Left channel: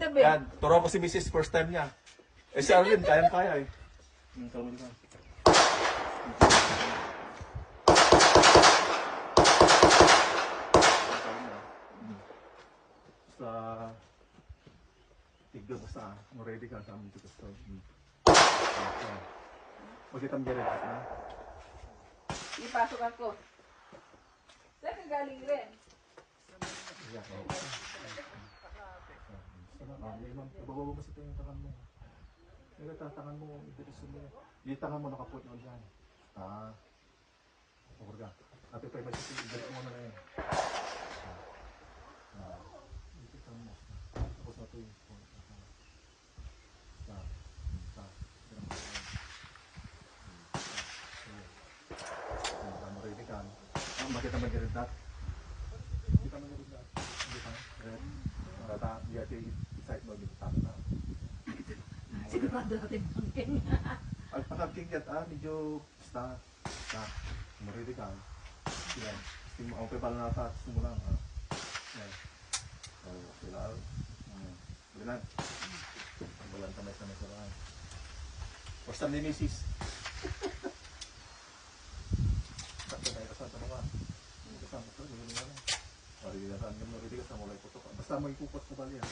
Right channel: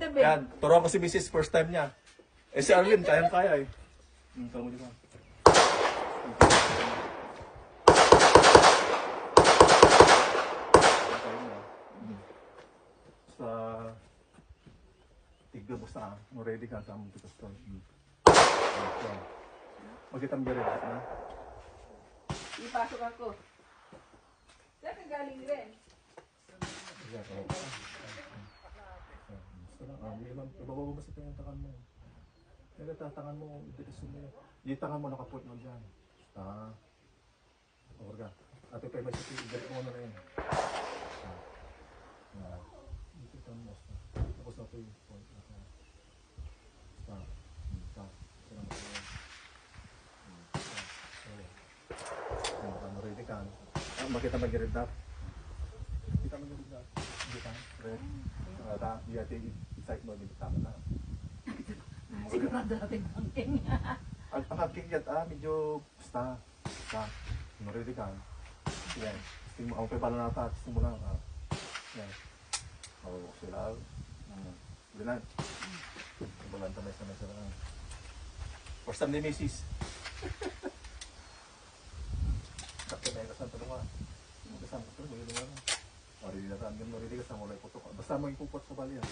Yan, turuan ko si Mrs. first time niya. Eh si Arlene, kayang-kaya eh. Tawag mo dyan. Basta tigdo mo sa ready ka sa among tikas to. Magkitang garin na. Ipasok ako. Saan ka galing rin? Yeah, oo. Basta lang, ibababa mo sa tayo yung tangan mo. Nagtatangan mo, idirisun mo yan. Yung tangan mo nakapot na dyan. Over ka. Ate pa, may sisi, mo na na yan. Dito ka mo. Tapos na ito yung point. Ready ka. Makita mag-red dot. Kita mag-red dot. Hindi ka. Red. Hindi ate i-site mo. Hindi ka na. Sigurado natin bangking. Ang pagka-king yan, medyo basta. Ready ka. Yan. Ang pay pala nata. Gusto mo lang. Yan. Okay lang. Bilan. Bilan tamay sa mesa lang. First time ni Mrs. Sakto tayo kasama ito ka. Kasama ito. Basta mo ipupot sa bali yan.